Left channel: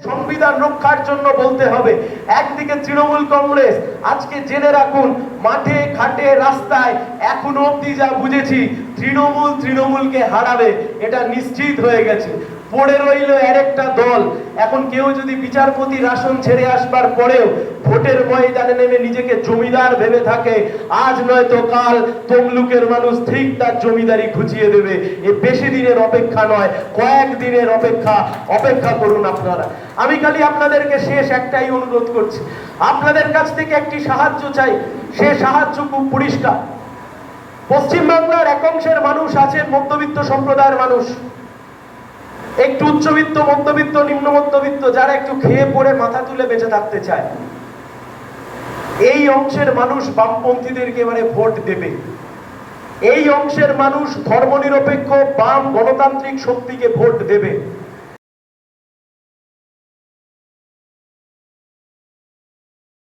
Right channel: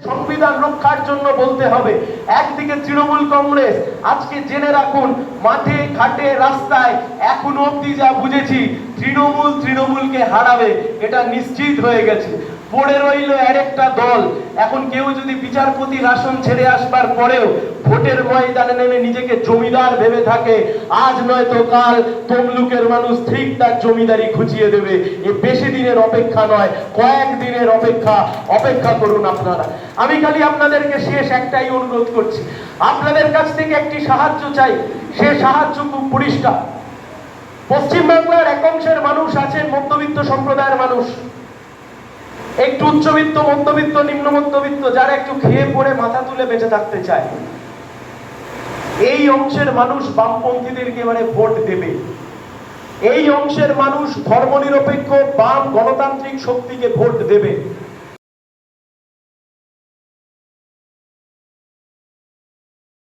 সংবিধান রক্ষার জন্য বলতে হবে। একদিকে তৃণমূল কংগ্রেস, আজকে জেনে রাখুন মাঠে ঘাটে রাস্তায় এখনো অব্দি যা বুঝেছি তৃণমূলকে হারাবে, এটা নিশ্চিত হয়ে গেছে। পড়ে রইল আরেকটা দল। এখন কেউ যদি বিচারপতির আসন ছেড়ে আসবার পরেও ভোটের ময়দানে নেমে নিজেকে জমিদার ভেবে থাকে, আজ নয়তো কাল তমলুকের মানুষ ঠিক তার জমিদারি খুঁজিয়ে দেবে। এ বেশি দিনের অপেক্ষা নয়, কয়েক দিনের অপেক্ষা করুন আপনারা। আমি খালি আপনাদেরকে শেষ একটাই অনুরোধ করছি, আপনাদের কাছ থেকে একটি সাহায্য চাই। সে সাহায্য খুব পরিষ্কার। পশ্চিমবাংলার এক অংশের মানুষ আছে মধ্যবিত্ত সম্প্রদায়ের মানুষ, একটু উচ্চবিত্ত, মধ্যবিত্ত, নিম্ন মধ্যবিত্ত, যারা একটু খেয়ে পড়ে মাথা তুলে বেঁচে থাকতে চায়। এই অংশের মানুষ বামপন্থীদেরকে এবারে ভোট দেবে। এই অংশের মানুষ ধর্মনিরপেক্ষ বাম গণতান্ত্রিক শক্তিকে ভোট দেবে।